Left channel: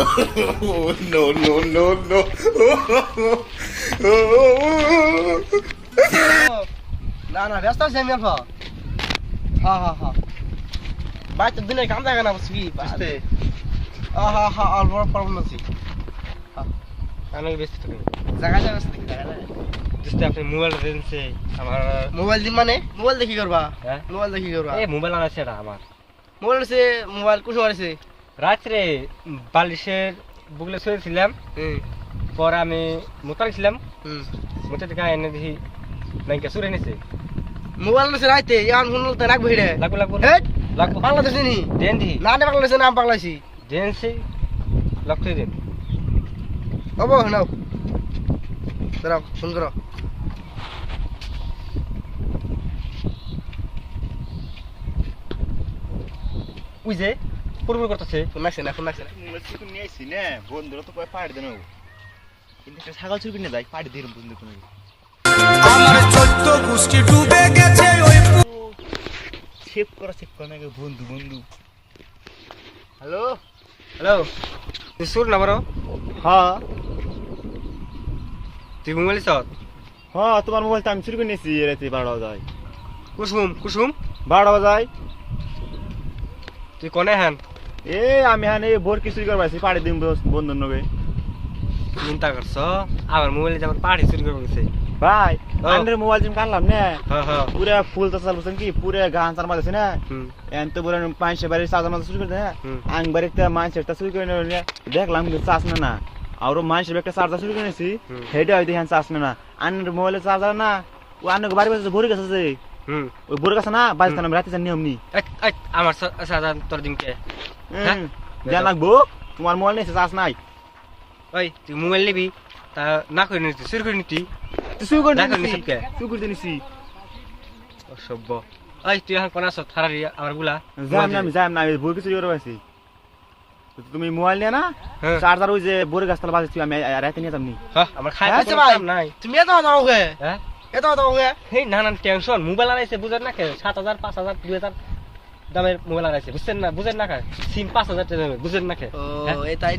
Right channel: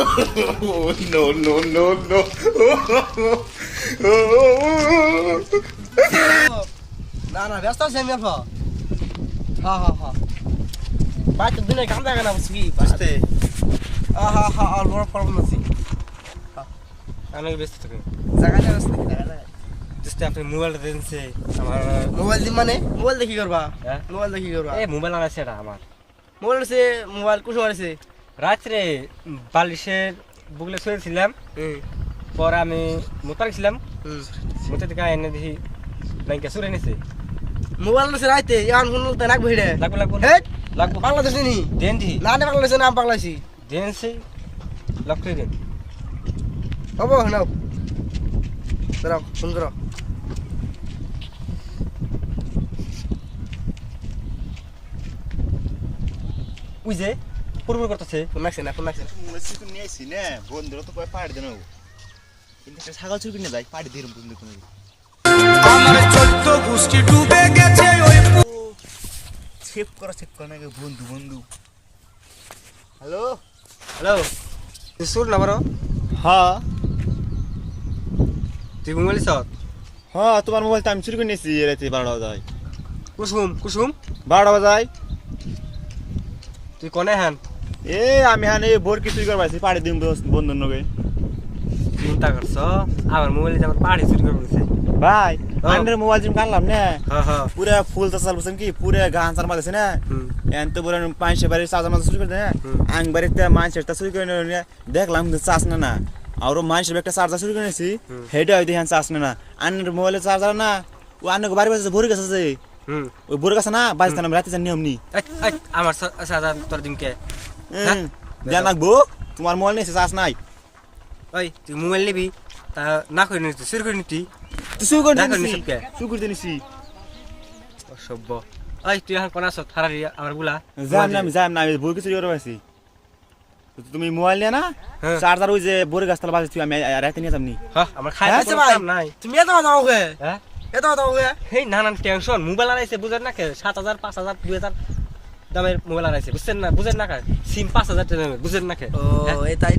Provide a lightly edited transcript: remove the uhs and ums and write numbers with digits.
No, no, no, no. না না ব্যস্ত আছি আমি এখন হ্যাঁ বাইরে দিনে কাম থাকে না বুঝবি বুঝতে হ্যাঁ আর বড় প্রবলেম আছে আমি ব্যস্ত থাকি জায়গাটা ব্যস্ত নাকি জায়গাটা just আপনি মোবাইল দেনছে আমার মোবাইল দিন মানে মোবাইল দেখি করবা হ্যাঁ মোবাইল দেখি করবা এই মোবাইল আনাছে এটা আমার মোবাইল আছে মোবাইল কোন সময় আছে রাত্রে বালিশের বুকলে শুয়েছিলাম পরে আমি মোতার মোতে থেকে এনে দেখি নাইকা সুরে নিছে মোবাইল আছে রাইতে ইয়ান ফোন তো রাখবো হিড়ে লাগবো হেট লাগবো বাংলাদেশ নি দেন দি না না বাংলাদেশ নাম বাংলাদেশি দেনছে লক্ষ্য দেন হবো নাও দাঁড়াও ফোন করো ওই যে পুরপুর করতেছে ফোন রাখছে না মুসি তো নিয়ে আইছি না বন্ধুরা তো কয় পাড়ি দেন কিন্তু একটা ছাগল চুরি কিনে যাই পাড়ি দিলাম বন্ধু কোনো আমার 14 গোষ্ঠী ডুবে গেছে ওই চেক করো না বন্ধু হ্যালো হ্যালো সুর না বড় হ্যাঁ তুই মোবাইল সব হ্যাঁ তোমার মোবাইল তো আমি চুরি করে নিয়েছি রাতে 12টা বাজায় কুসুম 12টা বাজায় তুই কোনে হ্যান এ আমি হানে ভোর কি চুরি করবাইছি পাড়ি দিম বন্ধু নবে চিন্তা করছ আমার মোবাইলে যে আমার পাড়ি চুরি করে গেছে ভাই আন্ডার মোবাইল জিম কানলাম না হ্যাঁ পুরা ফুল চাল বসন কি পুরা গান চার মারছে না এন তো পুরা পাঁচশো বাড়ি চার্জার মারতে চুরি করে না আং বাড়িতে মানুষের তা চুরি করে দেখলাম কিন্তু চার্জ না আর মানুষের একটা চার্জার চুরি করে নিয়েছি হেডে হয়তো হ্যাঁ চার্জ না আন্ডার মোবাইলের চার্জার না ও আন্ডার বাড়ি বসে ভরে গেছে যে ওই ভরে গেছে না বাজতে না রাতে জানি নিয়ম নি আমার সাজা তোর দিনকে জান লাগবো তোমার মোবাইল নিয়েছে চার্জ নাই ওই তুই মোবাইল নিবি তা না করে নিতি চুরি করে নিতি তুই চুরি করে না করে নিয়েছি নিছিস কে চুরি করে নিয়েছি অসভ্য ওই তুই এখন কোন আছো থারারি আমার বুলা যাম না আমি ভোর কি চুরি করে পাইছি তুমি মোবাইল নিয়ে না চার্জার ওই যে বোরে গাছতলা বাজে তুই আমি রাতে নিয়ে যামনি হ্যাঁ আমার খাই আচ্ছা ভাই নাই তুমি এত দাও কে হ্যাঁ এত দাও কে হেই নানান টেনশন মোবাইল আনাইছে বুঝেন না কে 7,000 5,000 2,000 দামের মোবাইল আনাইছে বুঝছেন না বুঝেন না কে সিম 5,000 টাকা বুঝেন না কে ও এই তাই